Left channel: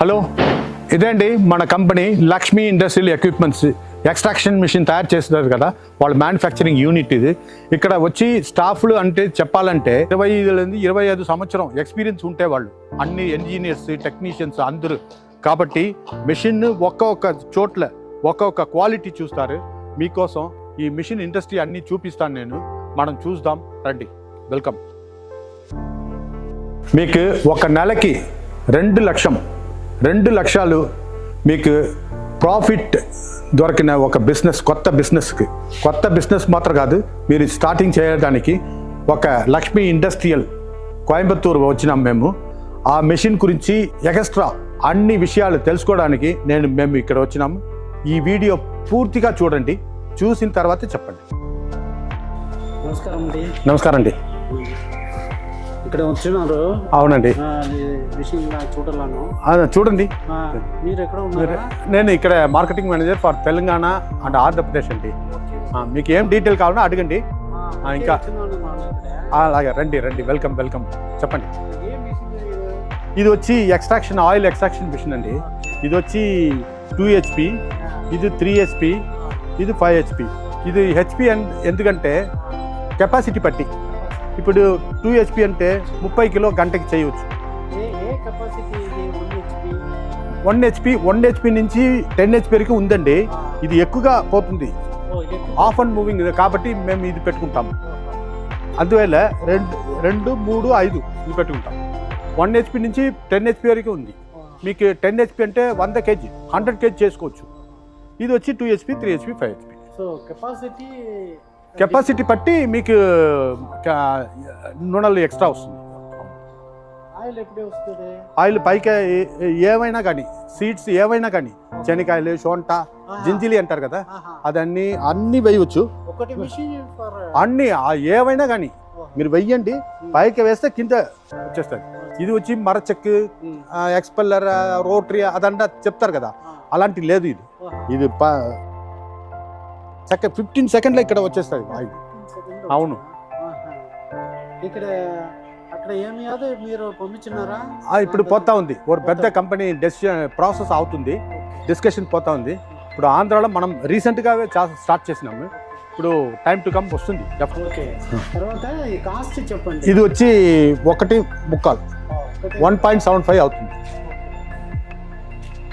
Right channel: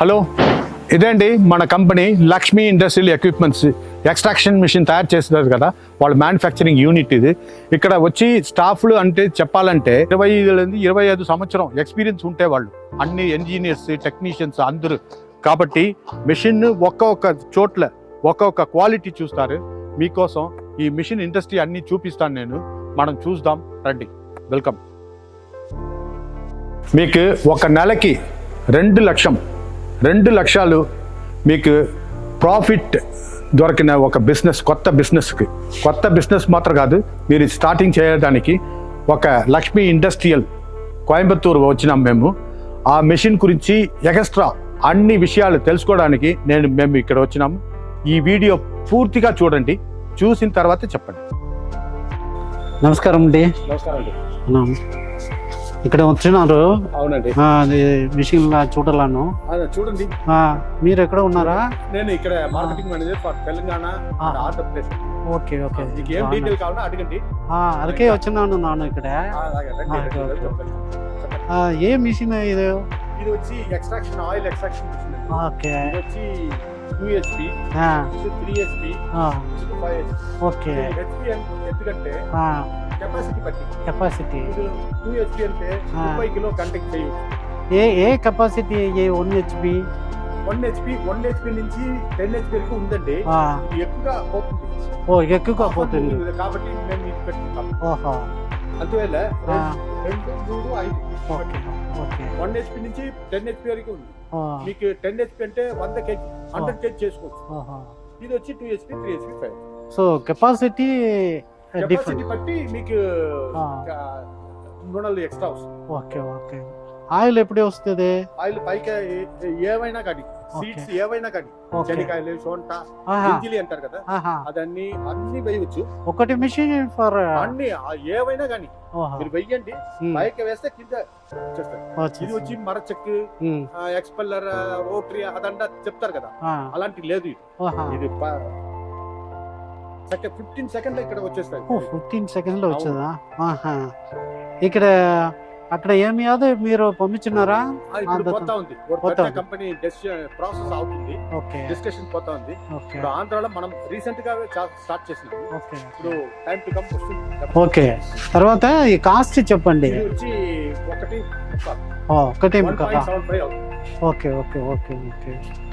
Hello, ఇదేంటి మన company Lakshmi industrial equipments extraction machine తయారు చేస్తున్నారు కదా, వాళ్ళ మ్యానుఫ్యాక్చరింగ్ యూనిట్ ఇది. ఇక్కడ వచ్చి స్టాఫ్లు అంటే చెప్పాలంటే 25 సంవత్సరం ఎక్స్పీరియన్స్ ఉంటే వాళ్ళు అన్ని ఇంజనీర్స్ టెక్నీషియన్స్ అందరూ. కాబట్టి మిషన్ ఒక్కొక్క చోట్ల ఒక్కొక్క క్వాలిటీ చూస్తారు. మీకోసం ఈ మిషన్ ఇండస్ట్రీ అన్ని చూపిస్తాను నేను, మనం చూద్దాం రండి. వెల్కమ్. మీకు ఒక నెలకి 2 లక్షలు మీకు ప్రాఫిట్ దొరికిన ఒక బిజినెస్, కొత్త బిజినెస్ మాత్రం కాదు, మీరు స్టార్టింగ్ చేయడానికి ఒక లక్ష్మీ ఇండస్ట్రియల్ కోయంబత్తూరు వచ్చినాం మేము. ఆ మెషిన్ గురించి ఎక్స్ట్రా అన్ని విషయాలు తెలుసుకోవడానికి మేము ఇక్కడ వచ్చినాము. ఈ వీడియో పూర్తిగా చూడండి, చూసిన తర్వాత చెప్పండి. నమస్కారం అండి. నమస్కారం అండి. ఇక్కడ వచ్చినారు. అవునండి, మిషన్ చూడాలను. చూడండి. మీరు ఎక్కడ ఉన్నారా? నేను ఇక్కడ marketing manager for Telangana and Andhra Pradesh అండి. ఓకే, మీకు ఏం డీటెయిల్ కావాలో అడగండి. అలాగే వచ్చినాను నాను ఇక్కడ. అలాగే రండి. వెల్కమ్ చెప్పండి. ఏ మిషన్ ఇది వచ్చి ఆయిల్ ఎక్స్ట్రాక్షన్ మిషన్ అండి. ఇది వచ్చి 2 HP, ఇది 3 HP, ఇది 5 HP. ఇది HP ఎందుకంటే కెపాసిటీ బట్టి. ఇప్పుడు 2 HP అంటే 30 కిలో గంటకి చేయవచ్చు. ఏ కెపాసిటీ? 1 HP నుంచి 10 HP వరకు ఉందండి. ఇది ఎక్కువగా పోతుంది, ఆఫ్ అండ్ మూవింగ్ కాబట్టి మేము ఇది పెట్టుకుంటాం. అందువల్ల 2, 3, 5 పెట్టుకుంటాం. 1 HP నుంచి 10 HP వరకు ఉంది. మీకు 10 HP అంటే 100 kg 100 kg చేసుకోవచ్చు. ఇది వచ్చి 2 HP, 3 HP, 5 HP. So capacity బట్టి మీకు నూనెలు ఎక్స్ట్రా వస్తుంది. ఓకే. ఆయిల్ ఎప్పుడే వస్తుంది? ఆయిల్ పైకి ఏవైనా కానీ, సీడ్స్ ఏవైనా కానీ, శనకాయలు, సోంట, జింజిలి అంటారు కదా, అన్ని వేయవచ్చు. ఒకటి మిషన్ ఫర్ అన్ని ఏవైనా కానీ మీరు వెయ్యండి, పైకి వేస్తే కింద వచ్చేస్తుంది. ఇది వచ్చి మరచెక్, ఎక్స్పెల్లర్, రోటరీ అదంతా చెప్తారు కదా, అలాంటి లేదు. ఇది 15 సెకండ్లో ఇక్కడ వచ్చేస్తుంది. 15 సెకండ్లో వచ్చేదా? ఇక్కడ అక్కడ ఏమి కాదు, మీరు పంపించున్నారా? ఇప్పుడు పోతా ఉంది, పెద్ద కంపెనీ ప్రాసెస్ అవుతుంది, డిస్కషన్ పోతా ఉంది. ఇప్పుడు ఆంధ్రాలో మనం రీసెంట్ గా స్టార్ట్ చేసినాము. ఇప్పుడు టైం టు కమ్ వస్తుంది. ఓకే, తర్వాత ఈ కాస్ట్ చెప్పండి. ఇది వచ్చి 1.75 1.75 అవుతుంది. ఓకే.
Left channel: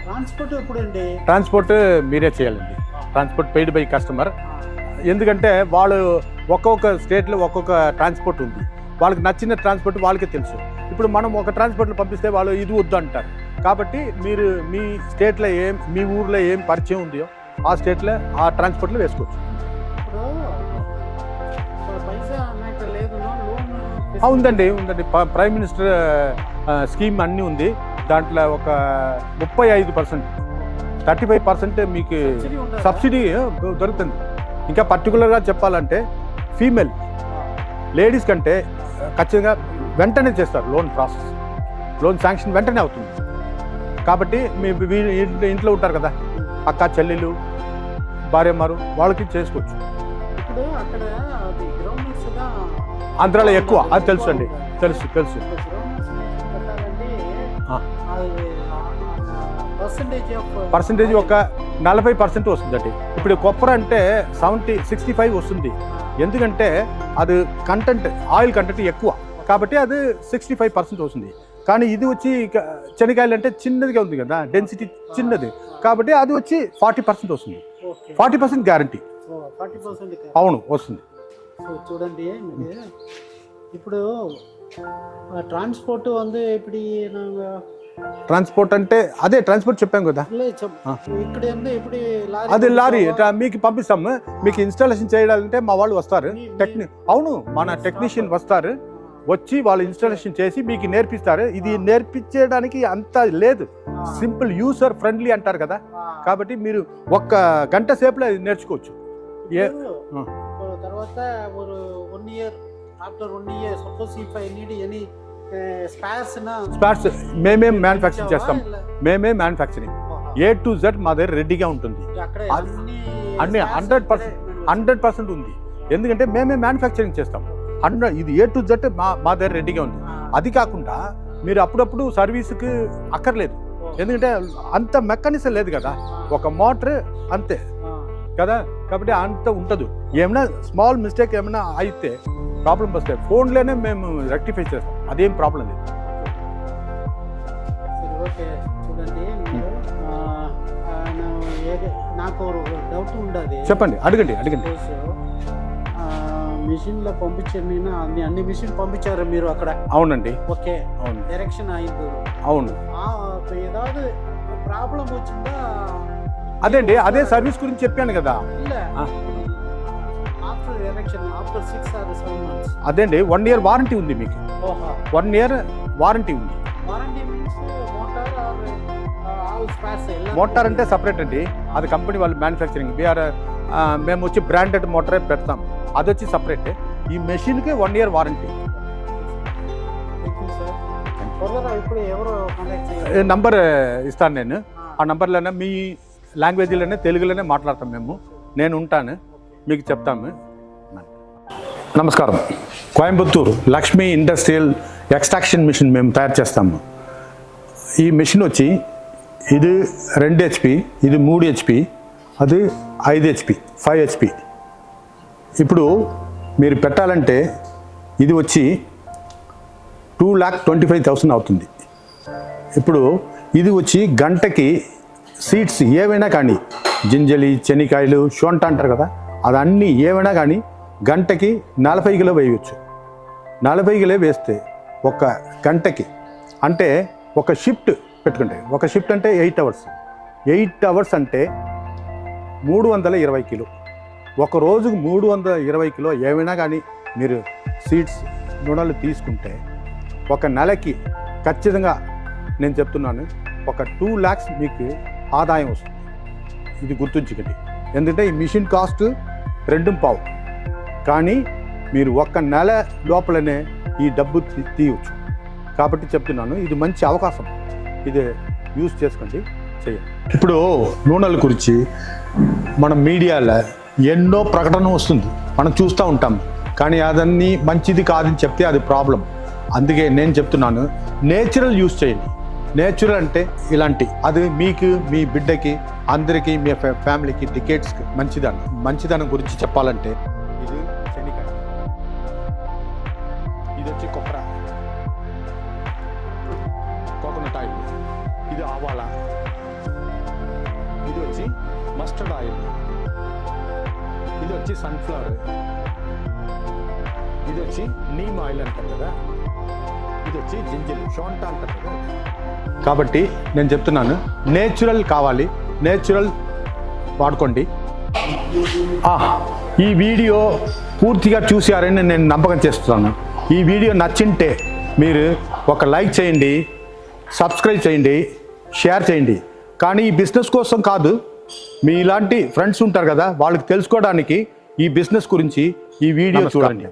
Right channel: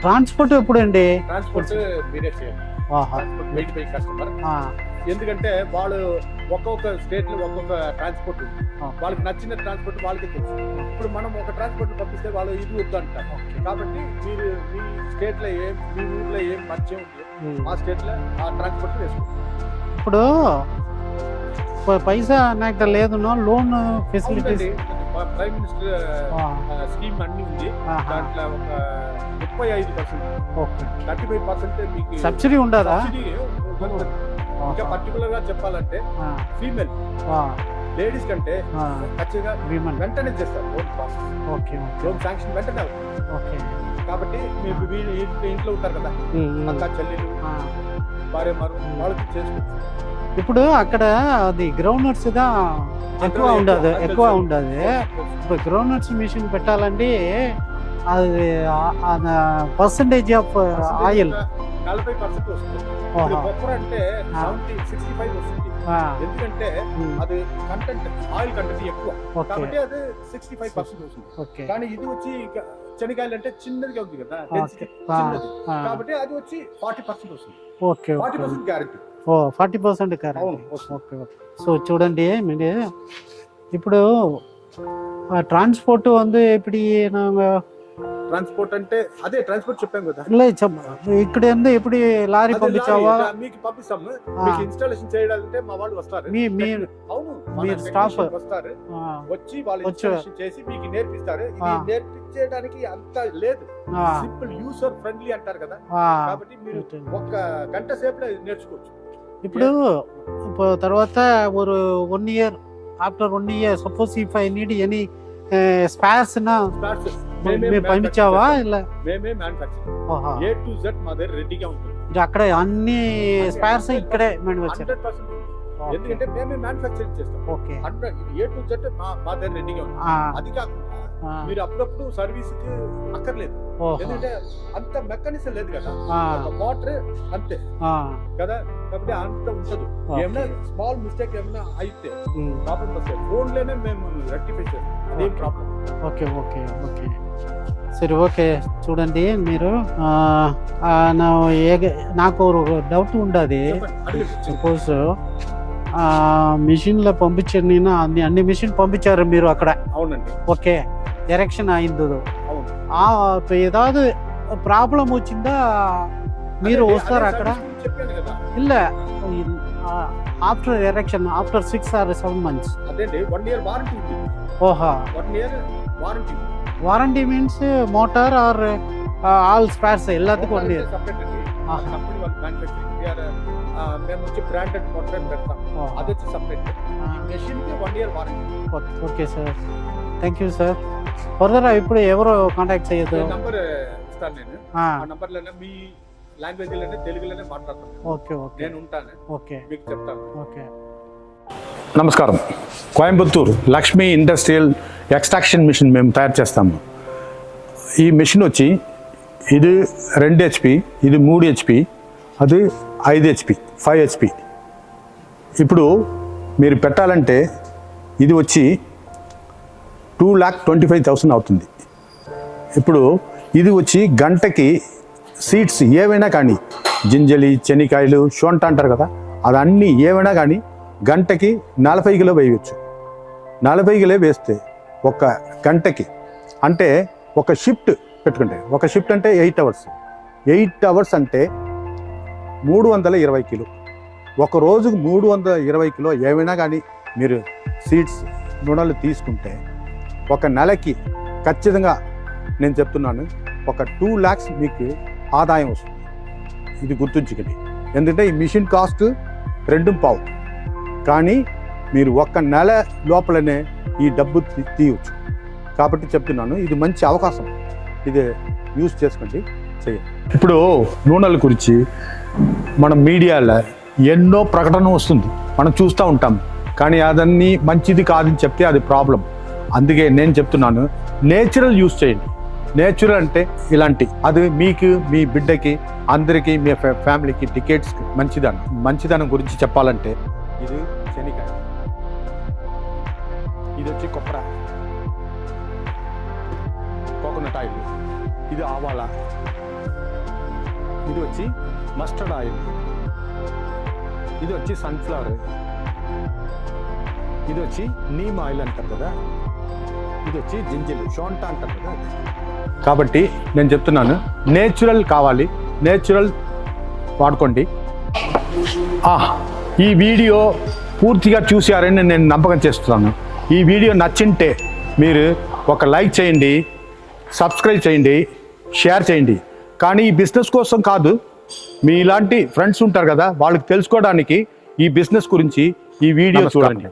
ట్రాన్స్పోర్ట్ ఎప్పుడండి? ట్రాన్స్పోర్ట్ మీరే చేయాలండి. Transport paid by customer. ఎందుకంటే వాళ్ళు ఒక్కొక్క స్టేట్ లో ఒక్కొక్క ట్రాన్స్పోర్ట్ ఉంది, వాళ్ళకి నచ్చిన ట్రాన్స్పోర్ట్ వాళ్ళకే తెలుసు. ఇప్పుడు మనం ఒక ట్రాన్స్పోర్ట్ లో పంపిస్తే వాళ్ళు ఇది వద్దు అంటారు. కాబట్టి మీరు మీ స్టేట్ లో మీ ఊర్లో ఏం పరిచయం ఉందో ఆ స్టేట్ లో ఆ ట్రాన్స్పోర్ట్ లో వేసుకోవచ్చు. ఇప్పుడు పైసా నాకు లేదు, లోన్ ఉందండి. ప్రైమ్ మినిస్టర్ స్కీమ్ అన్ని ఉంది. దాంట్లో ఒక 35%, 35% మీకు సబ్సిడీ దొరుకుతుంది. ఇంకా పర్టికులర్ గా చెప్పాలంటే ఫీమేల్ లేడీస్ కంటే ఖచ్చితంగా వెంటనే చేస్తారు లోన్ ప్రాసెస్. లోన్ శాంక్షన్ వెంటనే అవుతుంది. కాబట్టి మీ ఇంట్లో ఉంటారు కదా అక్క చెల్లెలు భార్యమారు, వాళ్ళకి చేసుకోవచ్చు. ఇప్పుడు అక్కడ అది గ్రౌండ్ నట్స్ గా ఆంధ్రాలో ఎక్కువ తెలుసు. గ్రౌండ్ నట్స్ మిషన్ పెట్టాలంటే అది పర్సెంటేజ్ ఒక 40% వస్తుందండి. ఇప్పుడు కొప్పర అంటే 65 వస్తుంది. ఎందుకంటే అది కంటెంట్, ఆయిల్ కంటెంట్ ఎక్కువ కాబట్టి అది 65% వస్తుంది. కానీ ఇది వచ్చి శనకాయలు అంటే చిన్నదిగా ఉంది కదా, డెన్సిటీ చిన్నది కాబట్టి అది వచ్చి 40% వస్తుంది. 40% గ్యారంటీ. 40% అవును వస్తుంది. సో చూడండి, ఇప్పుడు ట్రాన్స్పోర్ట్ ఇప్పుడు ట్రాన్స్పోర్ట్ అంటే అదే ట్రాన్స్పోర్ట్ చెప్పాం కదా, ఇక్కడ ఇప్పుడు లారీ మీకు పంపిస్తాము. మీకు ఇన్స్టాలేషన్ చేయాలంటే మా వాళ్ళు వస్తారు. అవును, మన టెక్నీషియన్ వస్తారు, వచ్చి వాళ్ళు ఇన్స్టాలేషన్ చేసి మీకు నేర్పిస్తారు. ఇది నేర్పించడానికి అంత లేదు, సింపుల్ యూజర్ ఫ్రెండ్లీ అంటారు కదా. కాబట్టి మీరు 1 గంట సేపులో నేర్చుకోవచ్చు. ఇప్పుడు తర్వాత ఒక 1 year, after 1 year suppose if I need any sparse మేమే మ్యానుఫ్యాక్చరింగ్ A to Z మా దగ్గర రెడీగా ఉంటుంది. అక్కడ అన్ని 100% ఉంది. ఎందుకంటే మేమే మ్యానుఫ్యాక్చరింగ్ చేస్తాం. ఇది A to Z మా దగ్గర రెడీగా ఉంది. అది కాకుండా మీరు అప్పుడప్పుడు సర్వీస్ కి అక్కర్లేదు, ఓహో. ఎందుకంటే అంత మెకానిజం లేదు కదా, ఆ, ఒక మోటార్ అంతే ఆ, కదా, కాబట్టి అంత ఉండదు. ఓకే. ఏమైనా స్మాల్ మిస్టేక్ ఏమైనా అయితే ఉమ్, ప్రాబ్లం వస్తాయి, ఫోన్లోనే మేము రెక్టిఫై చేస్తాం, అదేం ప్రాబ్లం లేదు. ఓకే ఓకే ఓకే సరే ఓకే చూడండి మీరు నాకు డౌట్ ఉండదు. చెప్పండి, అడగండి. సపోజ్ మిషన్లో పంపించారు, నేను అన్ని మిషన్ పంపించారు మీరు అక్కడ. అవునండి, ఓకే, అవును, ఎరెక్షన్ అయింది. అవును. ఏదాவது ప్రాబ్లం వచ్చిందా? అదే మీరు అదే వస్తారా సర్వీస్ అక్కడ? గురించి చెప్పాను కదా. ಇಲ್ಲ after erection after 6 or 7 months. అదేండి, 1 year వారంటీ ఉంది మీకు. ఓహా, 1 year వారంటీ ఉంది. Warranty means motor or all spares ಎಲ್ಲ మోటార్ అంటే సపరేట్ అండి, అది కంపెనీ వాళ్ళు మ్యానుఫ్యాక్చరింగ్. మేము వచ్చి బ్రాండెడ్ మోటారే పెడతాం, అది వచ్చి సపరేట్. ఈ మెషిన్ కి 1 year warranty. Okay sir, thank you sir. Further ఇప్పుడు ఎవరు కాంటాక్ట్ చేయదు? నంబర్ ఇస్తాను నేను, ఆ నంబర్లోనే మీ లాంగ్వేజ్లోనే తెలుగులోనే మాట్లాడతాం మేము. ఓకే నేను ఉంటాను, ఓకే మీకు చెప్తాము. ఓకే. నమస్కారం. Coimbatore Lakshmi industrial extraction machine మేము తయారు చేస్తాము. ఈ మిషన్ వచ్చి ఇది 2 HP, ఇది 3 HP, అది 5 HP, 5 HP. ఇప్పుడు మీరు పెట్టాలంటే ఇది వచ్చి 2,25,000 అవుతుంది. ఇప్పుడు ఇది వచ్చి గంటకి సీడ్స్ ఏవైనా కానీ, జింజలి, చెనికాయలు, షోంట అంటారు కదా, అదన్నీ ఏవైనా కానీ గంటకి 40 కిలో వేయవచ్చు. 40 కిలో వేస్తే ఒక గంటకి, అంటే ఒక షిఫ్ట్ పెట్టుకుంటే, ఒక షిఫ్ట్ అంటే 8 hours. 8 hours అంటే 320 కిలో. ఒక రోజుకు 320 కిలో ఏమైనా కానీ మీరు సీడ్స్ రుణాలు తీసుకుంటే ఒక నెలకి ఖచ్చితంగా నేను చెప్తున్నాను ఒక 2 lakhs మీకు ఆదాయం వస్తుంది. ఇది గుర్తుంచుకోండి. ఎందుకంటే ఈ మిషన్ కాస్ట్ 2.5, కానీ మీరు ఒక్క నెల లోపలనే ఈ డబ్బు తీయవచ్చు. కాబట్టి చెప్తున్నాను, ఇది మంచి అవకాశం, ఇది యూజ్ చేసుకోండి, చేయండి. ఇప్పుడు నూనెల గురించి మన మీడియాలో ఎన్నో ప్రకటన వస్తుంది, మనం చూస్తూ ఉంటాం, కానీ అదన్నీ మంచిది కాదని చెప్తే అది ప్రాబ్లం. అందుకే నేను చెప్తున్నాను, నేచురల్ యూజ్ చేయండి. నేచురల్ అంటే ఇలాంటి, అది మీకు, మీ బిడ్డకి, అందరికీ, మీ ఫ్యామిలీకి, డికేట్స్కి మంచిదనం గురించి చెప్పాలంటే ఇది శనికాయ, ఇది వచ్చి కొబ్బరి, కోకోనట్ ఆయిల్, ఇది ఆవాల, ఇది వచ్చి మస్టర్డ్ ఆయిల్, ఇది వచ్చి సన్ఫ్లవర్, ఇది వచ్చి నీమ్ ఆయిల్ అంటారు కదా, ఇది వచ్చి జింజర్, షోంట అంటారు కదా. కాబట్టి నేను చెప్తున్నాను, నేచురల్ కావాలి, నేచురల్ వాడుకోండి. ఈ వీడియో పూర్తిగా చూసారని నేను నమ్మకం చేస్తున్నాను. ఈ వీడియో నచ్చింటే మీరు ఒక లైక్ చేయండి, సబ్స్క్రైబ్ చేయండి, షేర్ చేయండి. కానీ ఈ బిజినెస్ కోసం కాదు, మీ ఇలాంటి ఫ్రెండ్స్ ఉంటారు కదా, వాళ్ళకి తెలుసుకోవడానికి ఈ బిజినెస్ గురించి ఈ వీడియో చూడండి.